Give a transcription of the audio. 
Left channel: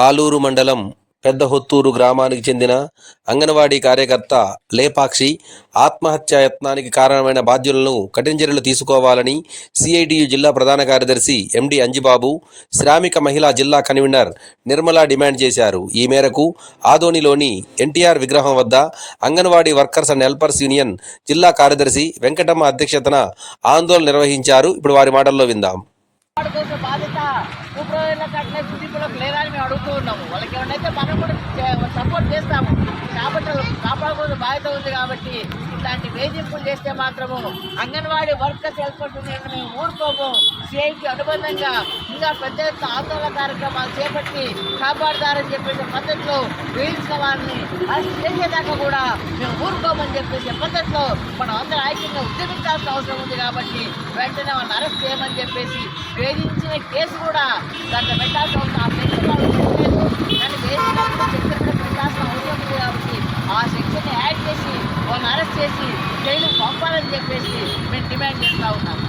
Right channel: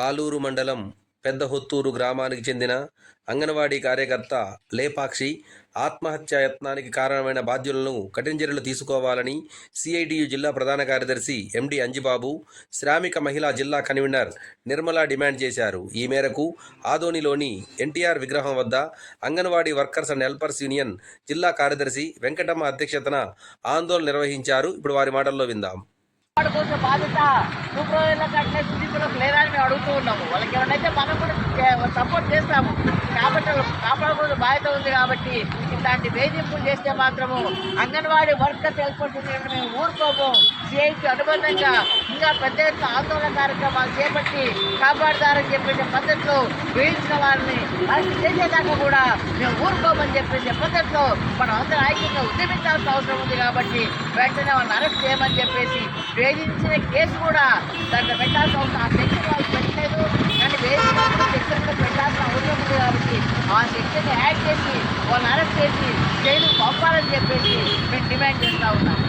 ఆలూరు మండలం పెద్దహొత్తూరు గ్రామానికి చెందిన అంగన్వాడీ కార్యకర్త లేపాక్షి ఆత్మహత్యా యత్నానికి కారణమైన బాధ్యులను కఠిన చర్యలు తీసుకోవాలని సిఐటియు జిల్లా ప్రధాన కార్యదర్శి ఎండి అంజిబాబు, శ్రామిక మహిళా జిల్లా కన్వీనర్ నిర్మల డిమాండ్ చేశారు. ఈ మేరకు ఆదోనిలోని ఎన్టీఆర్ విగ్రహం వద్ద anganwadi workers and helpers union జిల్లా కార్యదర్శి వెంకటమ్మ అధ్యక్షతన ఆందోళన నిర్వహించారు. ఇప్పుడు వారి మాటల్లో విందాం. కోసం బాధ్యత సూపర్వైజర్లకు అట్లే సుదీపులకు లేదని మేము అడుగుతూ ఉన్నాము. వాళ్ళకి ఏమన్నైతే మనం కూడా సపోర్ట్ చేస్తాము. కాబట్టి కాపాడుకోవాల్సిన బాధ్యత ఉంది. కాబట్టి ఇట్లాంటి వేధింపులు చేస్తే మాత్రము అంగన్వాడీ వర్కర్స్ హెల్పర్స్ మేము ఊరుకోము. సిఐకి అనుబంధంగా ఇంకా పెద్ద ఎత్తున ఆందోళన కార్యక్రమాలు చేపట్టి కాపాడుతారని చెప్పేసే పద్ధతిలో వేయించిన వారిని అరెస్ట్ చేసేదాకా కూడా మేము ఊరుకోమని చెప్పేసే పద్ధతిలో మనం అందరూ ఐక్యంగా ఉద్యమించాల్సిన అవసరం ఉంది. కాబట్టి వెంటనే వాళ్ళని అరెస్ట్ చేయమని చెప్పేసి వేధించిన కేసు కూడా దాంట్లో పెట్టాల్సిన అవసరం, ఆ సెక్షన్ వాళ్ళు పెట్టలేదు కానీ వేసినప్పుడు సెక్షన్ కూడా పెట్టాల్సిన అవసరం ఉంది. కాబట్టి ఆ సెక్షన్ని యాడ్ చేసి వాళ్ళని అరెస్ట్ చేసి జైలు పంపాలని చెప్పేసి మేము డిమాండ్ చేస్తూ ఉన్నాము.